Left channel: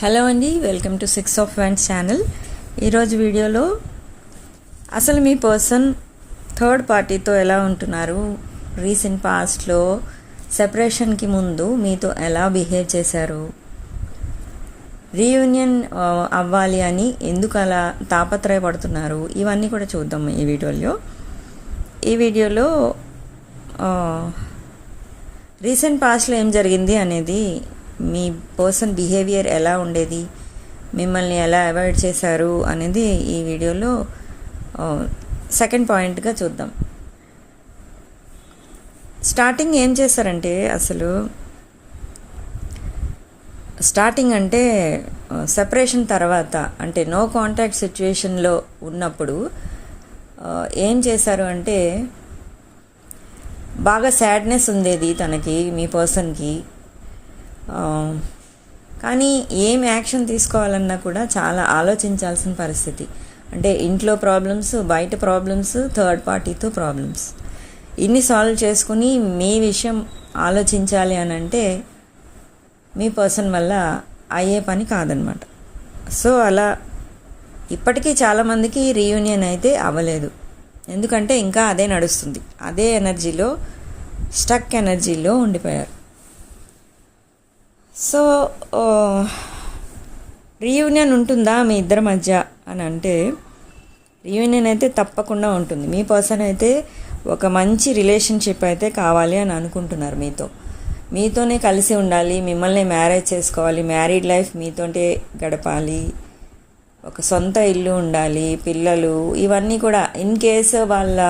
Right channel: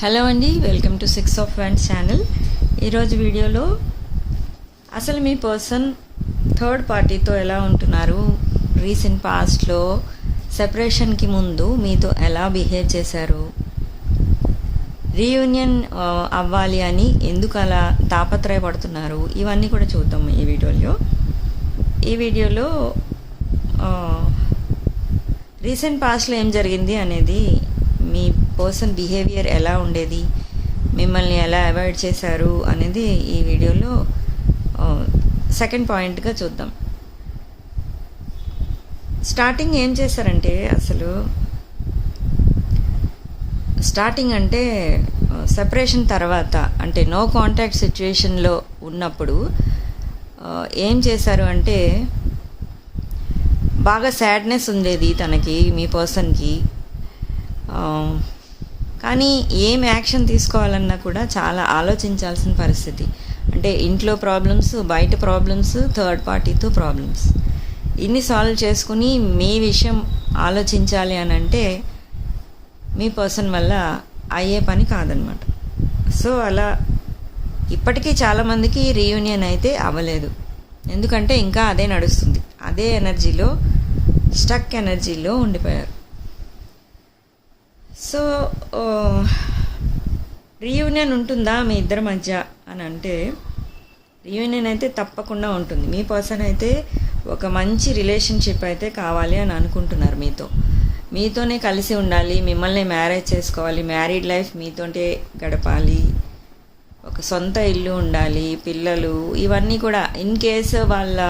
Hello అండి welcome to six of wands channel. ఈరోజు వీడియోలో అసలు మీ పర్సన్ థర్డ్ పార్టీతో ఎలా ఉంటున్నారు? రీసెంట్ పాస్ట్లో సెపరేషన్కి ముందు మీతో ఎలా బిహేవ్ చేశారు? రీయూనియన్ అవ్వాలి అని ఎందుకు అలా తాపత్రయపడుతున్నారు? ఇవన్నీ కూడా చూద్దాం ఈ వీడియోలో. ఈ వీడియోలో రీసెంట్ పాస్ట్లో ఏం జరిగింది అనేది మీ పర్సన్ బిహేవియర్ ఎలా ఉండేది మిమ్మల్ని ఎలా అవాయిడ్ చేశారు అనేది ఈ వీడియోలో సెకండ్ పాయింట్గా చూద్దాం. స్టార్టింగ్ ఏం చేశారంటే అసలు స్టార్టింగ్ అంటే సెపరేషన్ తర్వాత అంటే నో కాంటాక్ట్ సిచ్యుయేషన్లో ఉన్నప్పుడు ఏం చేశారు అంటే బాగా సాడ్నెస్ ఉండేది తనకి మీ పర్సన్కి. కానీ ఏం యాక్షన్ తీసుకోవాలన్నా కూడా చాలా ఆలోచించాల్సిన పరిస్థితి. అంటే ఇంట్లో ప్రాబ్లమ్స్ బయట ప్రాబ్లమ్స్ థర్డ్ పార్టీతో ప్రాబ్లమ్స్. ఇన్ని సాల్వ్ చేసుకుని మీ విషయం ఆలోచించాలి అని అంటే మీ పర్సన్ వల్ల అయ్యే పని కాదనమాట. సో అలా ఇప్పటికీ చాలామందికి రీయూనియన్ అయితే అవ్వలేదు. ఎందుకంటే ఇంకా అదే నడుస్తుంది. అదే ఎనర్జీలో స్టక్ ఎనర్జీలో ఉండిపోయారు. సో రీయూనియన్ uh, ఉంటుందా మీ ఇద్దరి మధ్య అని అంటే రీయూనియన్ అయితే తప్పకుండా ఉంటుంది. మీ పర్సన్ అయితే ఒక మంచి రిలేషన్షిప్ అయితే కావాలి అని అనుకుంటున్నారు మీతో. మీతోనే కలిసి ఉండాలి మిమ్మల్ని మ్యారేజ్ చేసుకోవాలి మ్యారీడ్ లైఫ్ మీతోటే గడపాలి ఒక సొంత ఇల్లు ఉండాలి పిల్లలు ఇవన్నీ కూడా ఇన్ కేసు వాళ్ళ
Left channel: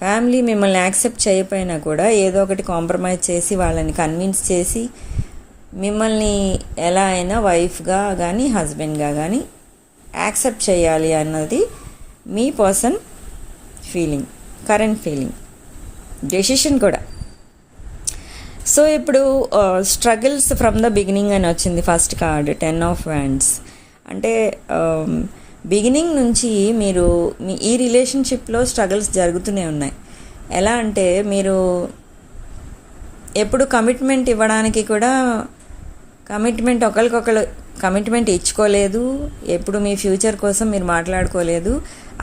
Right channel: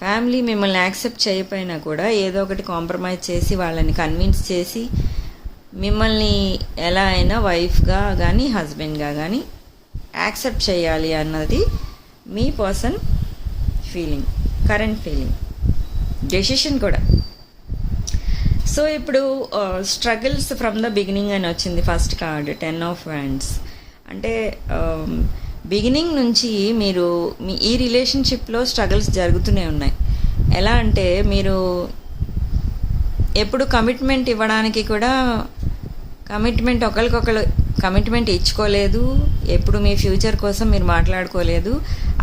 ఫ్యామిలీ మిమ్మల్ని యాక్సెప్ట్ చేయకపోయినా కూడా ఏదో ఒకటి కాంప్రమైజ్ చేసి వాళ్ళని కన్విన్స్ చేసి మిమ్మల్ని ఎలా అయినా వైఫ్గా కానీ హస్బెండ్గా కానీ యాక్సెప్ట్ చేయాలి అన్నది మీ person feeling current feeling decision కూడా. సో ఇప్పుడు స్ట్రగుల్స్ ఫ్రమ్ ద బిగినింగ్ అని వచ్చింది first card ten of wands అంటే బిగినింగ్ నుంచి మీరు మీ ఈ రిలేషన్షిప్లో స్ట్రగుల్స్ జరుగుతూనే ఉన్నాయి. ఎలా అంటే మీరు ఎప్పుడు కమిట్మెంట్ ఇవ్వడానికి కూడా కమిట్మెంట్ ఒకరికొకరు కమిట్మెంట్ ఇచ్చుకోలేదు ఎప్పుడు మీ ఫ్యూచర్ కోసం మీరు మాట్లాడుకోలేదు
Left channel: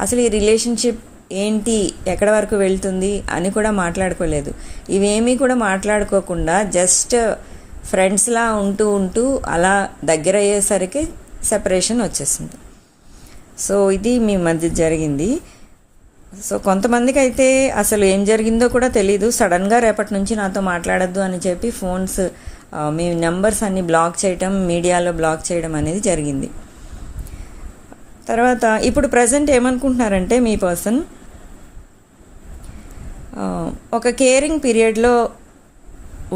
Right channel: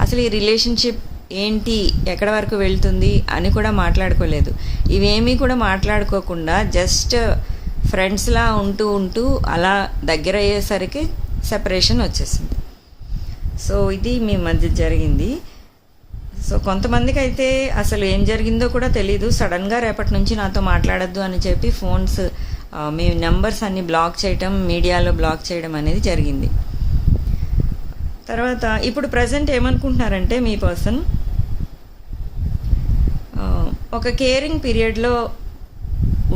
అసలు ఈ రిలేషన్షిప్ ఏంటి ఎక్కడ వరకు వెళ్తుంది అని కూడా మాట్లాడుకోలేదు. ఇవేమీ కూడా మాట్లాడుకోకుండా జస్ట్ ఫ్రెండ్స్లా ఉంటూ ఉంటూ అలా దగ్గర అయ్యేసరికి సెపరేషన్ వచ్చేసింది. సో ఇది మీ మధ్య జరిగింది. సో కొంతమందికి అయితే అసలు ఏం జరిగిందో కూడా తెలీదు. సడన్గా రేపటి నుంచి నాతో మాట్లాడద్దు అని చెప్పి ఫోన్స్ మీ నెంబర్స్ అన్ని బ్లాక్ చేయటం మీడియాలో బ్లాక్ చేయడం అనేది జరిగింది. తర్వాత ఇప్పుడు ప్రజెంట్ ఏమనుకుంటున్నారంటే మీ పర్సన్ ఒక కేరింగ్ పీరియడ్లో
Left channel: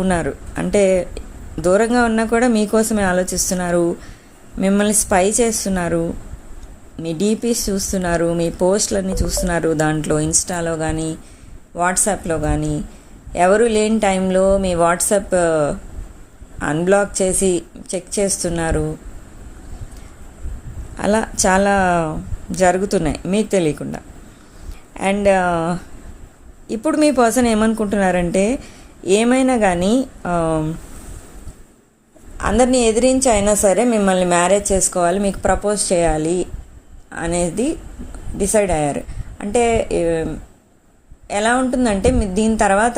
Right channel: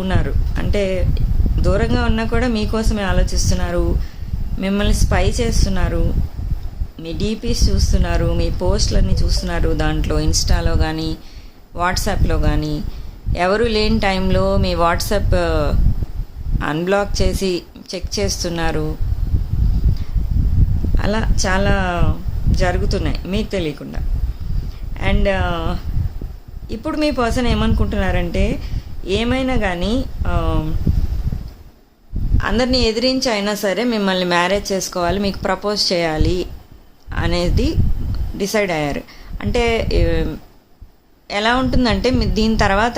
ఉన్నారు. అంటే దూరంగా ఉన్నా కూడా మీకోసమే ఆలోచిస్తున్నారు మిమ్మల్ని స్పై చేస్తున్నారు మీ డీపీస్ చూస్తున్నారు మీ పోస్ట్లన్నీ చూస్తున్నారు దాంట్లో ఇన్స్టాలో కానీ వాట్సాప్లో కానీ ఎవరు లేని టైంలో మీ వాట్సాప్ అన్బ్లాక్ చేసి చెక్ చేస్తున్నారు. అలా చాలా జరుగుతున్నాయి మీకు తెలియకుండా. అండ్ ఇప్పుడు మీ పర్సన్ ఏమనుకుంటున్నారంటే ఏమైనా కానీ అందరినీ ఎదిరించి అయినా సరే మిమ్మల్ని మ్యారేజ్ చేసుకోవాలి మీకు ప్రపోజ్ చేయాలి అనేది డిసైడ్ అయ్యారు. అంటే ఎలా ఉంటుందంటే దీని తర్వాత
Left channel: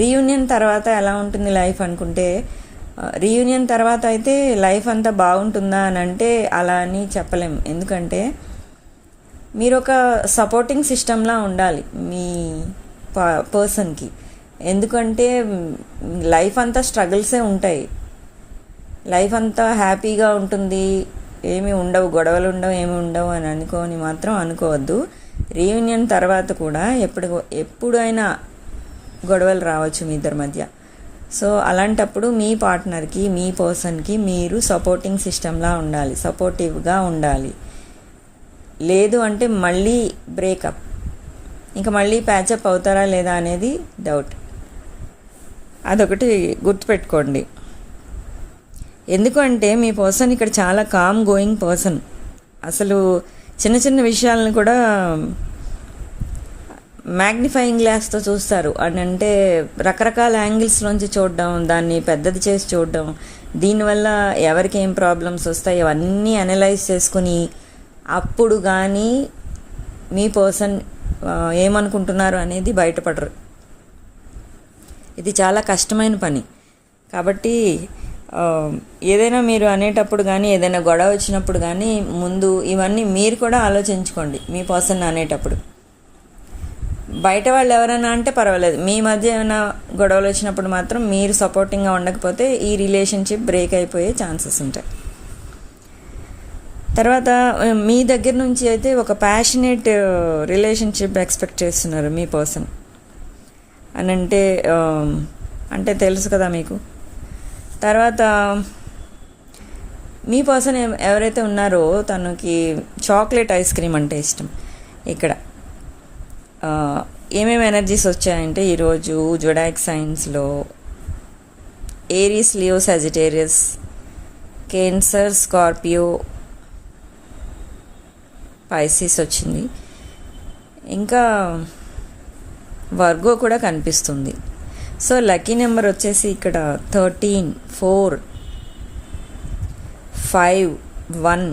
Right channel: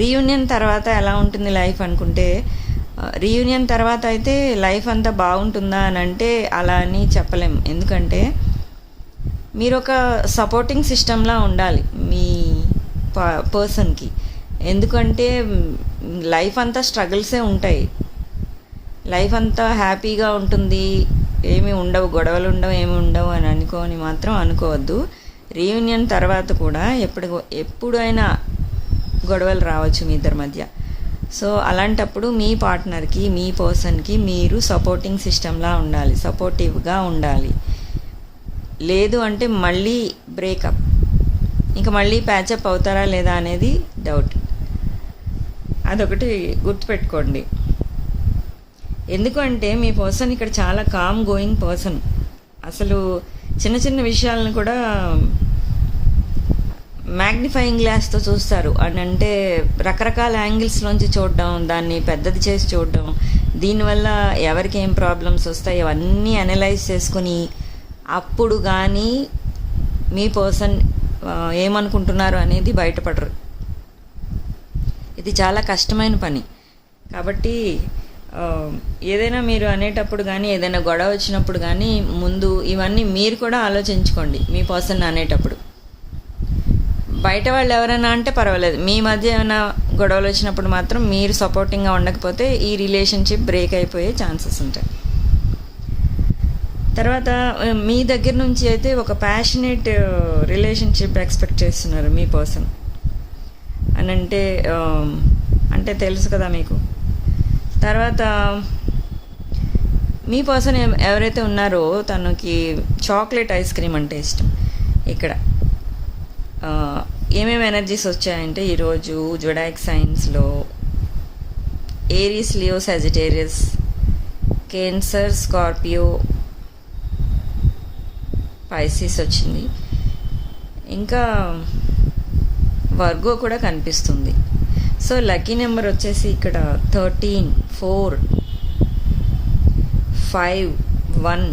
రీయూనియన్ తర్వాత ఎలా ఉంటుంది లైఫ్ అనుకుంటే రీయూనియన్ తర్వాత అయితే లైఫ్ అంతా బాగుంటుందా అని అంటే అలా అని చెప్పలేం. ఎందుకంటే మీరు ఒక సపోర్టింగ్ సిస్టంలా ఉండాలి మీ పర్సన్కి ఎందుకంటే లైఫ్ అంతా స్ట్రగుల్సే ఉంటాయి. లైఫ్ అంతా హ్యాపీగా ఉంటుంది. ఏమి ఉండవు గొడవలు ఉండవు ఏమి ఉండవు అని అనుకోని మాత్రం అనుకోవద్దు. రీయూనియన్ తర్వాత కూడా ఎప్పుడు ఎప్పుడైనా గొడవలు రావచ్చు మీ ఇద్దరి మధ్య. సో అలాంటప్పుడు మీ పార్ట్నర్కి మీ పర్సన్కి మీరు సపోర్టింగ్ సిస్టంలా ఉండాలి. సపోర్టివ్గా ఉండాలి. లేదు అంటే మళ్ళీ బ్రేకప్. ఇంకా మళ్ళీ ప్యాచప్ అవుతారా లేదా అనేది డౌట్. అదొకటి గుర్తుపెట్టుకోండి. ఎందుకంటే మీ పర్సన్ ఇక్కడ చాలా కామ్ గోయింగ్ పర్సన్. అసలు చిన్న చిన్న విషయాలను కూడా మ్యాగ్నిఫైయింగ్ గ్లాస్తో చూస్తారు. అని అంటే రకరకాల యాంగిల్స్లోంచి చూడడం దాన్ని పెద్దది చేసి చూడడం దీనివల్ల ఎవరికి ఏం ప్రాబ్లమ్స్ వస్తాయి అవన్నీ అనలైజ్ చేసుకుని అప్పుడు కానీ మీ పర్సన్ ఏమనుకుంటున్నారు అనేది బయటపడరు. ఇది చాలా కష్టమైన పని. కాబట్టి Um, ఏదైనా మీరు అనేటప్పుడు కానీ ఏదైనా గొడవ వచ్చినప్పుడు కానీ ముందు ఇవన్నీ మీరు కూడా ఆలోచించుకోండి మీ పర్సన్ అనేటప్పుడు. బయట వాళ్ళు ఎవరైనా అంటే పర్వాలేదు. మీ మధ్య ఏమైనా గొడవలు వచ్చినప్పుడు మాత్రం మీరు సపోర్టింగ్గా ఉండకపోతే ఈ రిలేషన్షిప్ బ్రేక్ అయిపోయే ఛాన్సెస్ ఉంటాయి. తర్వాత um, మీ దగ్గర నుంచి అయితే ఒక ప్యాషనేట్ రిలేషన్షిప్ ఎక్స్పెక్ట్ చేస్తున్నారు మీ పర్సన్. అని అంటే um, అంటే తెలుసు కదా మీకు? తర్వాత మీ పర్సన్ ఎవరైతే ఉన్నారో తనకి చాక్లెట్ ఐస్ క్రీమ్ అంటే ఇష్టం. ఇక్కడ ఏమేమి ఎనర్జీస్ వచ్చాయంటే ఈరోజు జొడాక్ సైన్స్లో Aries Leo Sagittarius Cancer Scorpio Pisces వచ్చింది. ఇంకా వర్గో కూడా కనిపిస్తుంది. సో లక్కీ నెంబర్ వచ్చేసి ఇక్కడ thirteen four five one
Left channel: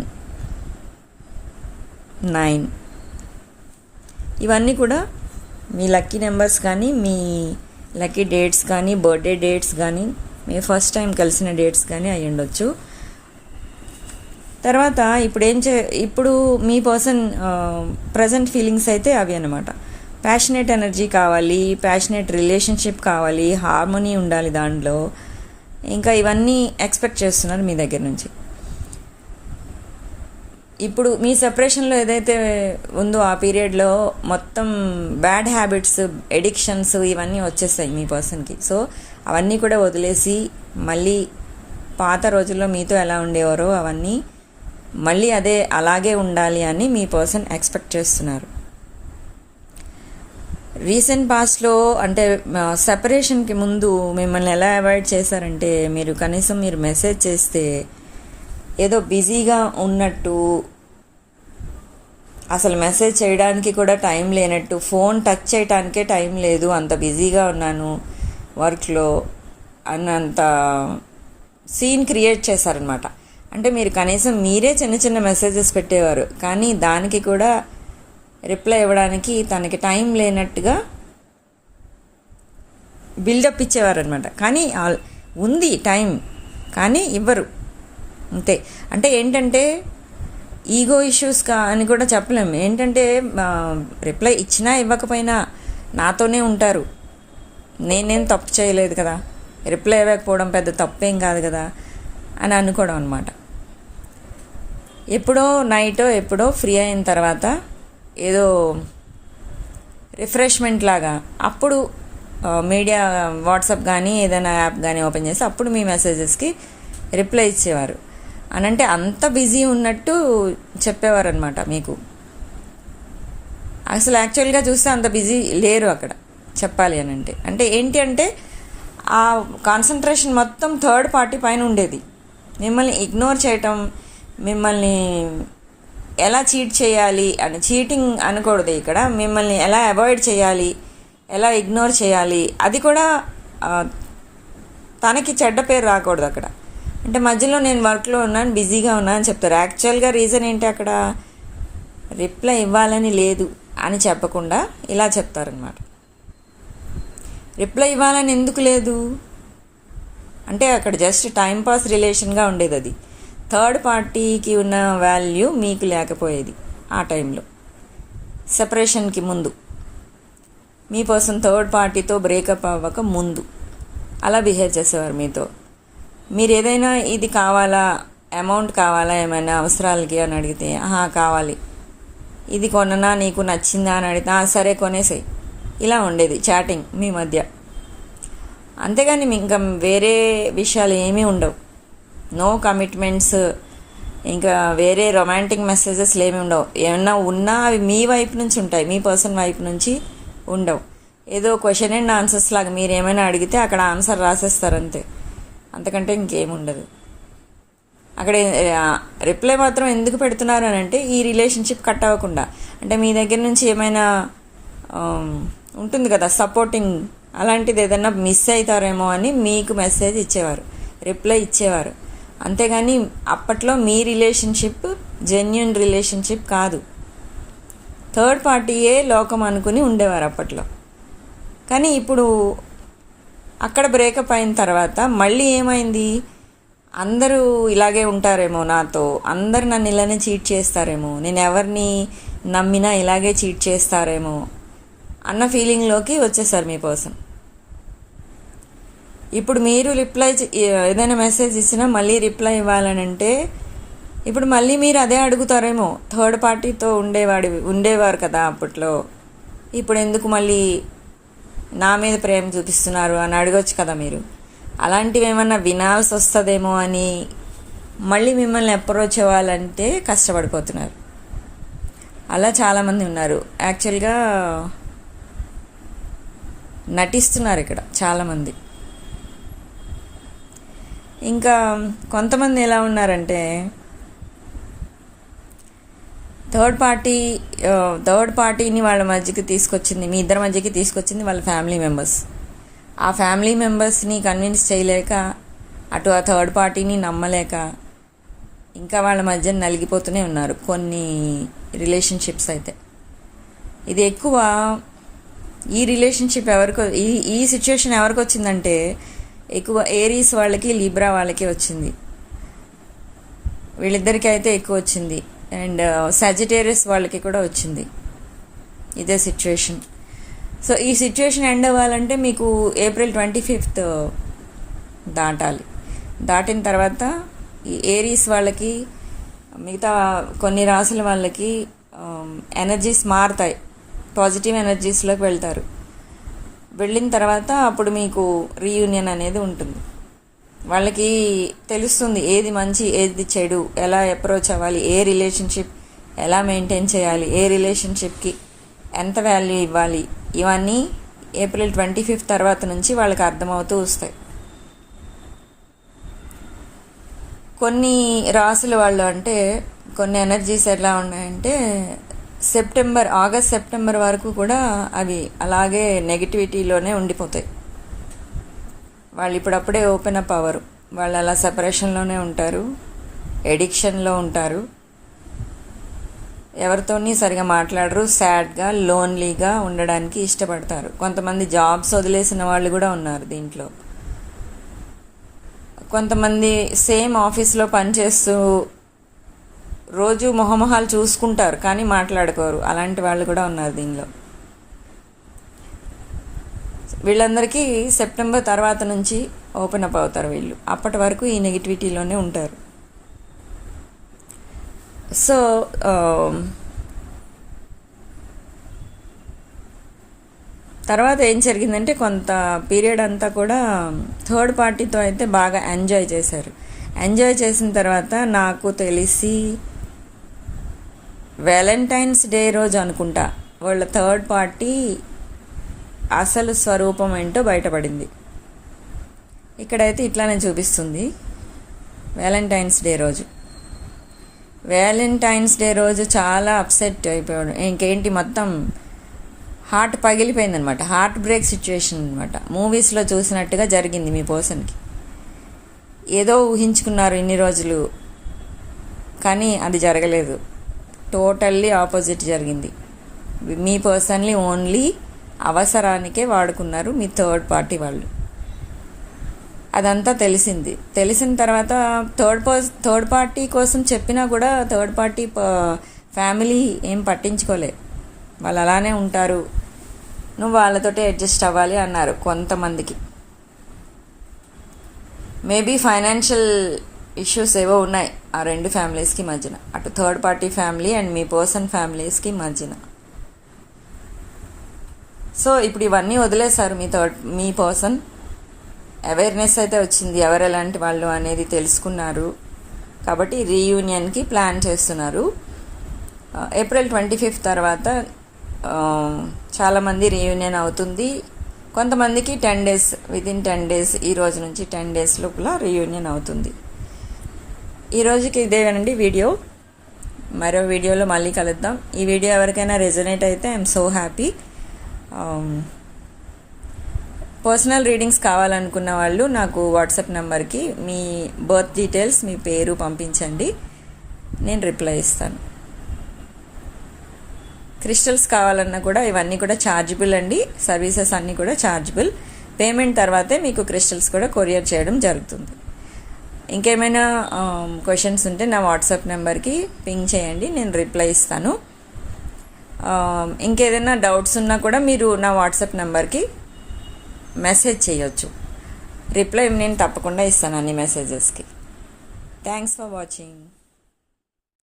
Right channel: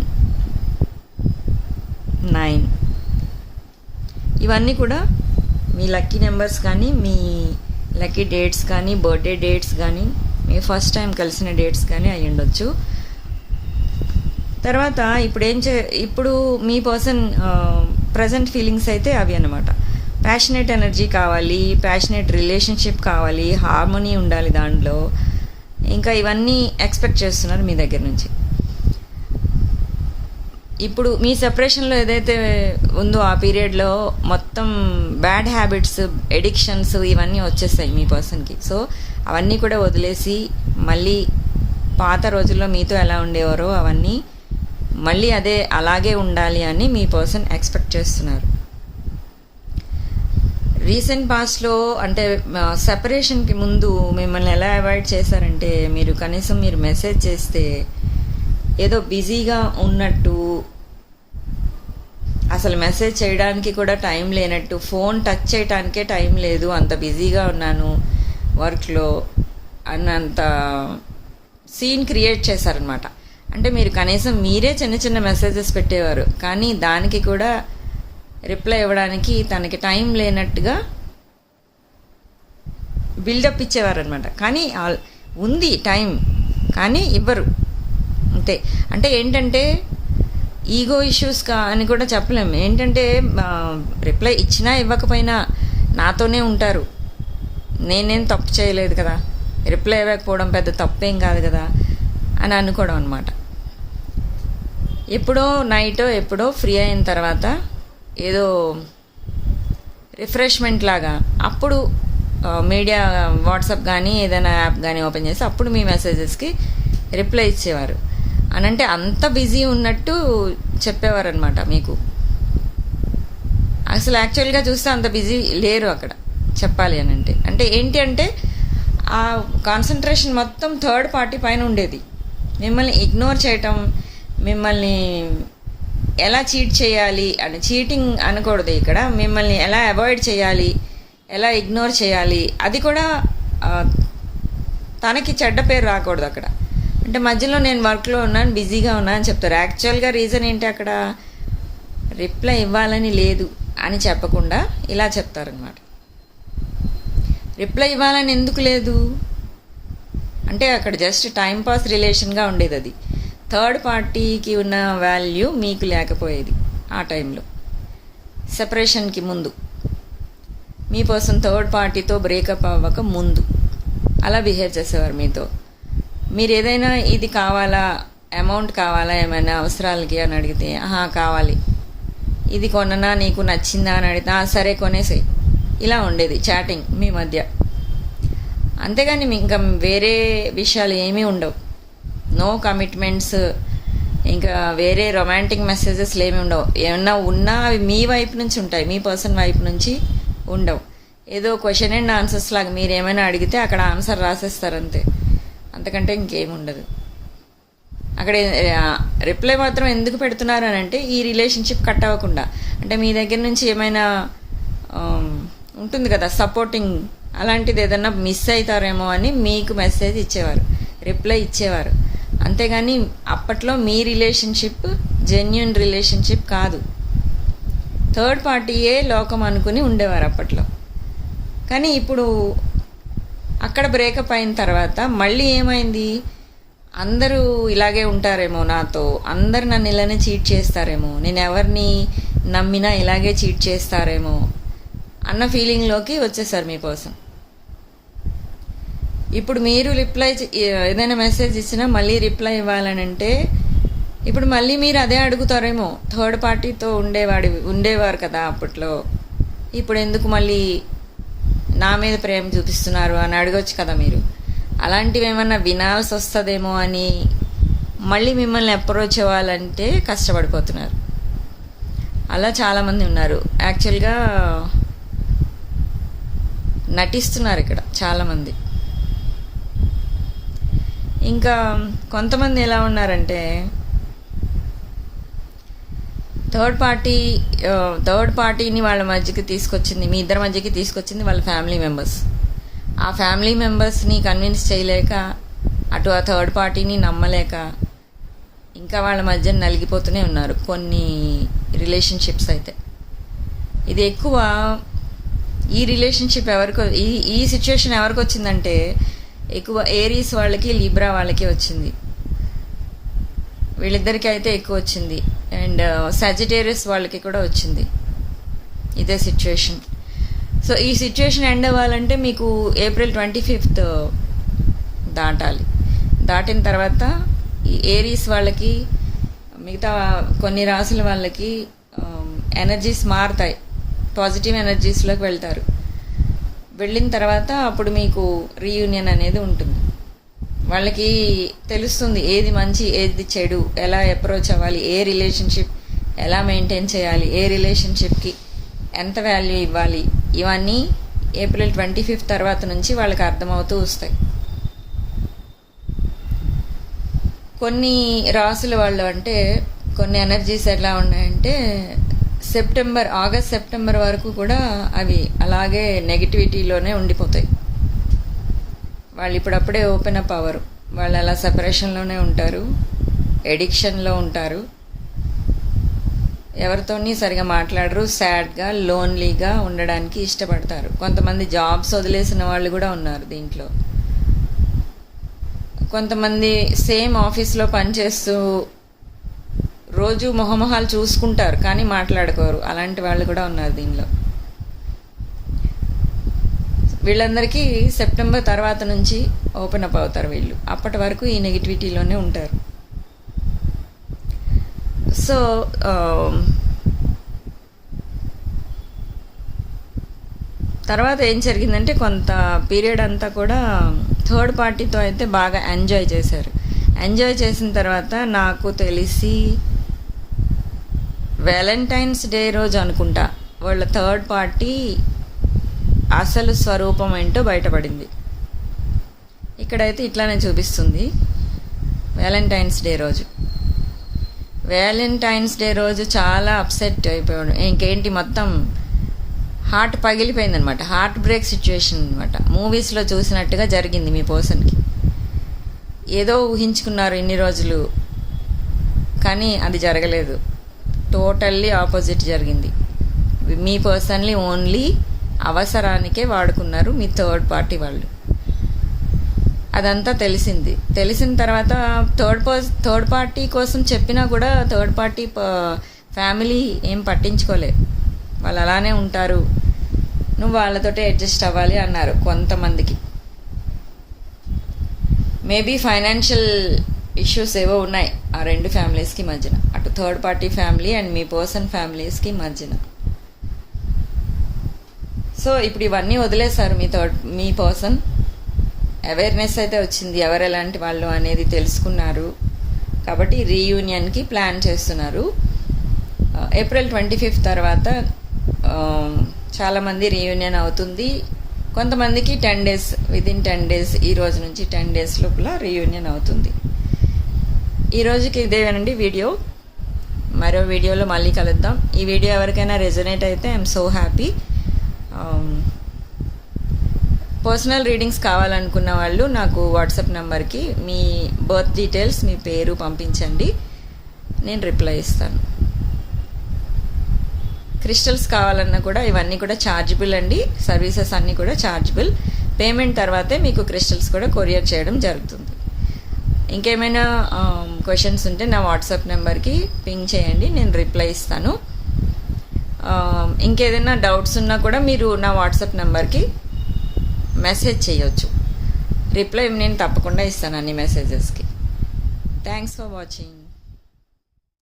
nine. ఇవన్నీ కూడా మీ లక్కీ నెంబర్స్ కానీ మీ లక్కీ డేట్స్ కానీ బర్త్డే డేట్స్ కానీ మీ ఫస్ట్ టైం కలిసిన డేట్స్ కానీ అయి ఉండొచ్చు. తర్వాత ఇప్పుడు ఏం చే ఇప్పుడు మీ పర్సన్ ప్రజెంట్ ఫీలింగ్స్ అయితే అవి అనమాట ప్యాషనేట్ ఎనర్జీ కావాలి ప్యాషనేట్ రిలేషన్షిప్ కావాలి హార్మోనీ ఉండాలి దాంట్లో. ఇంకా ఇవన్నీ ఎక్స్పెక్ట్ చేస్తున్నారు మీ దగ్గర నుంచి. ఇప్పుడు మీ సెపరేషన్లో ఏదైతే ఉందో ఆ పీరియడ్లో మొత్తం బ్యాడ్ హ్యాబిట్స్ ఎడిక్షన్స్ ఇవన్నీ వచ్చేస్తాయి మీ పర్సన్కి సో అవన్నీ కూడా వదిలేసి మళ్ళీ పాత రోజుల్లో మీతో ఎలా ఉండేవారో అవన్నీ మళ్ళీ అదే అలాగే ఉండాలి అని మీ పర్సన్ ఎక్స్పెక్ట్ చేస్తున్నారు. రీసెంట్ పాస్ట్లో అంటే సెపరేషన్కి ముందు మిమ్మల్ని ఎలా అవాయిడ్ చేశారంటే మీరు కనీసం మీరు మెసేజ్ చేస్తే ఏదో బిజీగా ఉన్నట్టు అసలు మెసేజ్ చేయడానికి కూడా టైం లేనట్టు ఫోన్ టచ్ చేయడానికే టైం లేదు అంత బిజీగా ఉన్నాను వర్క్లో అన్నంత సీన్ క్రియేట్ చేశారనమాట అంటే మీరు కనీసం మీరే చిన్న చిన్న మెసేజెస్ పెట్టేవారు కానీ దానికి కూడా రిప్లై ఇవ్వడానికి తనకి టైం లేనట్టుగా బిల్డప్ ఇచ్చేవారనమాట కానీ ఆల్- ఉంది టైం కానీ ఇవ్వరు. అంతే. అంటే ఏంటంటే ఈగో ఇష్యూస్ కా అని కూడా చెప్పలేము ఏంటంటే రిప్లై ఇచ్చినా ఇవ్వకపోయినా నాతోనే ఉంటారు. నేనేం తప్పు చేయలేదు కదా. రిప్లై ఇవ్వకపోవడం పెద్ద తప్పేం కాదు కదా అని అనుకోవడం అనమాట ఎప్పుడో నైటో ఎప్పుడో ఫ్రీ అయిన తర్వాత ఏదో రిఫ్రెష్మెంట్ లాగా. అప్పుడు మీడియా వాట్సాప్ కానీ ఏదైనా యాప్ కానీ ఓపెన్ చేసి అప్పుడు మీ మెసేజెస్కి రిప్లై ఇచ్చేవారు. అని అంటే అంత బిజీ ఉన్నట్టు చెప్పేవారు అనమాట మీకు. అసలు యాక్చువల్గా చూస్తే అంత బిజీ లేరు అక్కడ చెప్పాలి అని అంటే అంటే ఏంటి అంటే ఆ కాన్సన్ట్రేషన్ మొత్తం థర్డ్ పార్టీ పైన ఉండేది. మిమ్మల్ని ఇగ్నోర్ చేయటం మిమ్మల్ని ఎలా చీట్ చేయాలి అని చీటింగ్ అనకూడదు ఇక్కడ. మిమ్మల్ని ఎలా అవాయిడ్ చేయాలి ఎలా ఇగ్నోర్ చేయాలి అది కూడా తనకి చెడ్డ పేరు రాకూడదు అక్కడ. అంటే మధ్యలో నేను వర్క్లో ఉన్నాను బిజీగా ఉన్నాను అని చెప్తారు. యాక్చువల్గా రీజన్ ఏంటి అక్కడ? రిప్లై ఇవ్వాలని లేదు అని చెప్పకుండా ఇలా చెప్తారనమాట రిప్లై ఇవ్వాలని ఎందుకు లేదు? అంటే అక్కడ జస్ట్ టైం పాస్ రిలేషన్గా ఉండేది అది. థర్డ్ పార్టీకి ఉన్న వాల్యూ మీకు లేకపోయేది ఆ టైంలో. సెపరేషన్కి ముందు. మీ పర్సన్ థర్డ్ పార్టీతో బ్రేకప్ అవ్వక ముందు. అలా బిహేవ్ చేసేవారు మీతో. మీరు ఏదైనా ఇది కావాలా? అమౌంట్ కావాలా? ఏమైనా అవసరాలకి అని అడిగితే ఆహా కావాలి. ఇది కొననా నీకు నచ్చిందా? అని అడిగితే సరే కొనేసాయి. ఇలా ఉండేది చాటింగ్ మీ మధ్య. అంతేగాని మీ ఇంకా వేరే విషయాలు ఏమీ ఉండవు. నో కమిట్మెంట్స్ ఇంకా వేరే రొమాంటిక్ మెసేజెస్ ఏమి ఉండవు. ఏమన్నా ఉన్నా అవి మీ వైపు నుంచి ఉంటాయి. మీ పర్సన్ వైపు నుంచి ఉండవు. ఏదో క్వశ్చన్ అండ్ ఆన్సర్స్ లాగా మీరు ఏమైనా అడిగితే అక్కడ ఆన్సర్ రాసేస్తారు అంతే. అంతకంటే ఇంకేముండదు అక్కడ రిప్లై మాత్రం ఎందుకు పెడుతున్నారు అని అంటే ఈ రిలేషన్షిప్ కట్ అవ్వకుండా. అంటే మీ దగ్గర నుంచి ఏమైనా ఉంటుంది కదా సపోర్టింగ్ అలాంటిది ఏదైనా మిస్ అవుతారేమో అని మీకు మెసేజ్ ఇచ్చేవారు. రిప్లై ఇచ్చేవారు. అంతేగాని అప్పట్లో మీ రిలేషన్షిప్ జెన్యున్ రిలేషన్షిప్ కాదు. థర్డ్ పార్టీయే లోకం అనుకుని ఉండేవారు అప్పట్లో. కానీ ఇప్పుడు అక్కడ బ్రేకప్ అయిన తర్వాత మళ్ళీ ఏమైంది? అందరూ ఇలాగే ఉంటారేమో నాతో. అందరు నన్ను ఇలానే చీట్ చేస్తారేమో. నేను ఎవరిని నమ్మినా ఇలాగే చీట్ చేస్తారేమో అన్న ఫీలింగ్లోకి వచ్చేసారు మీ పర్సన్ ఇప్పుడు మీరు రిప్లై ఏదైనా మెసేజ్ ఇచ్చినా మళ్ళీ రిప్లై ఇవ్వాలనంటే ఇప్పుడు మళ్ళీ మీరు అదే అడుగుతారేమో. థర్డ్ పార్టీతో ఉండేవాడి ఉండేవారు కదా అప్పట్లో. ఇప్పుడు ఎందుకు మళ్ళీ నా మీద ప్రేమ చూపిస్తున్నారు అని అడగొచ్చు కదా మీరు. అలాంటివి ఏమన్నా వినాల్సి వస్తుందేమో అని మళ్ళీ మిమ్మల్ని అప్రోచ్ అవ్వాలంటే కష్టపడిపోతున్నారు. అలా చాలామంది ఉన్నారు. యాక్చువల్గా నటిస్తున్నారు ఇక్కడ చాలామంది. ఇంకా కొంతమంది ఎలా ఉన్నారంటే థర్డ్ పార్టీ థర్డ్ పార్టీని వాళ్ళ మధ్యకి తీసుకొచ్చింది మీ ఇద్దరి మధ్యకి తీసుకొచ్చింది వాళ్ళ ఫ్యామిలీ మెంబర్స్. ఆ ఫ్యామిలీ మెంబర్స్ని కన్విన్స్ చేయలేక అటు ఆ థర్డ్ పార్టీని నమ్మలేక ఇంకా వాళ్ళ మధ్య నలిగిపోతూనే ఉన్నారు కొన్ని రిలేషన్షిప్స్ అయితే. ఇది ఎక్కువ ఈ రిలేషన్షిప్ ఎవరికి ఈ ఈ సిచ్యువేషన్ ఎవరికి వచ్చిందంటే ఎక్కువ ఏరీస్ వాళ్ళకి లీబ్రా వాళ్ళకి వచ్చింది. వీళ్ళిద్దరికీ అయితే ఎక్కువ వచ్చింది. అండ్ uh, సజిటేరియస్ వాళ్ళకి కూడా వచ్చింది. ఇదే సిచ్యువేషన్ సో ఈ సిచ్యువేషన్ ఎండ్ అవ్వాలంటే మీకు ఏప్రిల్ ట్వంటీ ఫిఫ్త్ దాటాలి. దాటిన తర్వాత ఈ ఏరీస్ వాళ్ళకి మిగతా కొన్ని రాసుల వాళ్ళకి um, ఎనర్జీస్ మారుతాయి. పాజిటివ్ ఎనర్జీస్లోకి వెళ్తారు. వెళ్ళిన తర్వాత అప్పుడు మీకు రీయూనియన్ అనేది ఉంటుంది. వాళ్ళకి తెలుస్తుంది ఏది మంచి ఏది చెడు ఎలా అప్రోచ్ అవ్వాలి ఏ రిలేషన్షిప్ ఎలా మెయింటైన్ చేయాలి ఏ రిలేషన్షిప్కి ఎంత వాల్యూ ఇవ్వాలి ఇవన్నీ ఏప్రిల్ ట్వంటీ ఫిఫ్త్ తర్వాత నుంచి వాళ్ళకి అర్థమవుతూ వస్తాయి. కొన్ని రాసుల వాళ్ళు అంటే కొన్ని ఎనర్జీస్ ఎలా ఉన్నాయంటే సెప్టెంబర్ ఆగస్ట్ సెప్టెంబర్ వరకు కూడా అవి అలాగే నెగిటివిటీలోనే ఉండిపోతాయి. వాళ్ళు ఇప్పుడప్పుడే ఓపెన్ అప్ అవ్వరు. వాళ్ళు అలా సెపరేషన్లోనే ఉంటారు. ఎడిక్షన్లో ఉంటారు. ఎవరితోని సరిగా మాట్లాడరు. సాడ్గా లోన్లీగా ఉండడానికి ఇష్టపడతారు. కొంతమంది జాబ్స్ వదిలేసిన వాళ్ళు కూడా ఉన్నారు దీంట్లో. కొంతమంది సేమ్ ఆఫీస్లో పనిచేస్తూ రోజు మొహమొహాలు చూసుకుంటారు కానీ మాట్లాడుకోరు. అలాంటి వాళ్ళు కూడా ఉన్నారు దీనిలో. వీళ్ళందరికీ సెప్టెంబర్ తర్వాత నుంచి ఓపెన్ అప్ అవుతారు వీళ్ళు. అప్పటి వరకు ఈ నెగిటివిటీలోనే ఉంటారు. సో తర్వాత ఏం జరిగిందంటే కొంత పీరియడ్ అంతా కూడా థర్డ్ పార్టీతో అయితే బాగా ఎంజాయ్ చేశారు. ఎంజాయ్ చేసిన తర్వాత నాకు తెలిసి వ్యాలంటైన్స్ డే రోజు అనుకుంటా. వాళ్ళ థర్డ్ పార్టీ అసలు స్వరూపం ఏంటో బయటపడింది. ఇక్కడైతే ఇట్లానే చూపిస్తుంది. వ్యాలంటైన్స్ డే రోజు. వ్యాలంటైన్స్ డే రోజు చాలా అప్సెట్ అయిపోయాడు. ఇంకేంటి మొత్తం హార్ట్ పగిలిపోయిందనమాట. హార్ట్ బ్రేక్ సిచ్యువేషన్ అనమాట మూవీస్లో చూసినట్టుగా జరిగింది మీ పర్సన్కి ఏదో ఊహించుకున్నారు ఇన్ని రోజులు. కానీ అది జరగలేదు. టోటల్లీ ఆపోజిట్ జరిగింది. మీ పర్సన్లీ ఓన్లీ అవసరానికే వాడుకున్నారు మీ థర్డ్ పార్టీ వాళ్ళు. అదంతా తెలిసింది. తెలిసిన తర్వాత థర్డ్ థర్డ్ పార్టీ కోసం చెప్పినా కూడా థర్డ్ పార్టీ ఫ్యామిలీ ఏం పట్టించుకోలే. వాళ్ళు అలానే ఉంటారు. నువ్వు వాళ్ళతోటే అడ్జస్ట్ అవ్వాలి అన్నారు కొంతమందికి. మేబీ ఫైనాన్షియల్ ఇష్యూస్ ఏవో ఉన్నాయి ఆ రెండు ఫ్యామిలీస్కి మధ్యన. అటు థర్డ్ పార్టీ ఫ్యామిలీ అండ్ మీ పర్సన్ ఫ్యామిలీస్కి మధ్యన. సో ఇప్పుడు ఇవన్నీ వదిలేశారు మీ థర్డ్ మీ పర్సన్. అవేర్నెస్ అయితే వచ్చింది ఎవరు ఎలాంటి వాళ్ళు అనేది తెలుసుకున్నారు. కాబట్టి రీయూనియన్కి ప్లాన్ చేస్తున్నారు. ఏప్రిల్ ట్వంటీ ఫిఫ్త్ తర్వాత చాలామంది రీయూనియన్ అవుతుంది. కొంతమందికి ten days within ten days ఈ రోజు నుంచి టెన్ డేస్ లోపల రీయూనియన్ అవుతుంది. ఈ రోజుకి ఇదేనండి వీడియో. మరో వీడియోలో మళ్ళీ కలుద్దాం. ఈ వీడియో ఎవరికైనా రెజనేట్ అయితే I'm so happy. Personal readings కావాలనుకున్న వాళ్ళు నాకు వాట్సాప్ నెంబర్కి మీ బర్త్ డీటెయిల్స్ మీ పేరు పంపించండి. నేను రిప్లై ఇస్తాను. క్రిస్టల్స్ కావాలన్నా కూడా ఇవన్నీ కూడా ఛార్జబుల్ అండి. సర్వీసెస్ అన్నీ కూడా ఛార్జబుల్ పేమెంట్ తర్వాతే మీకు క్రిస్టల్స్ కూడా కొరియర్ చేయడం జరుగుతుంది. ఇంకేమైనా um, క్వశ్చన్స్ ఉంటే నా వాట్సాప్ నెంబర్కి పింగ్ చేయండి నేను రిప్లై ఇస్తాను. Um, ఇంకేదైనా డౌట్స్ ఉన్నా కూడా మీరు నా వాట్సాప్ నెంబర్కి మెసేజ్ చేయొచ్చు. రిప్లై నేను తప్పకుండా ఇస్తాను అన్ని మెసేజెస్కి థ్యాంక్స్ ఫర్ వాచింగ్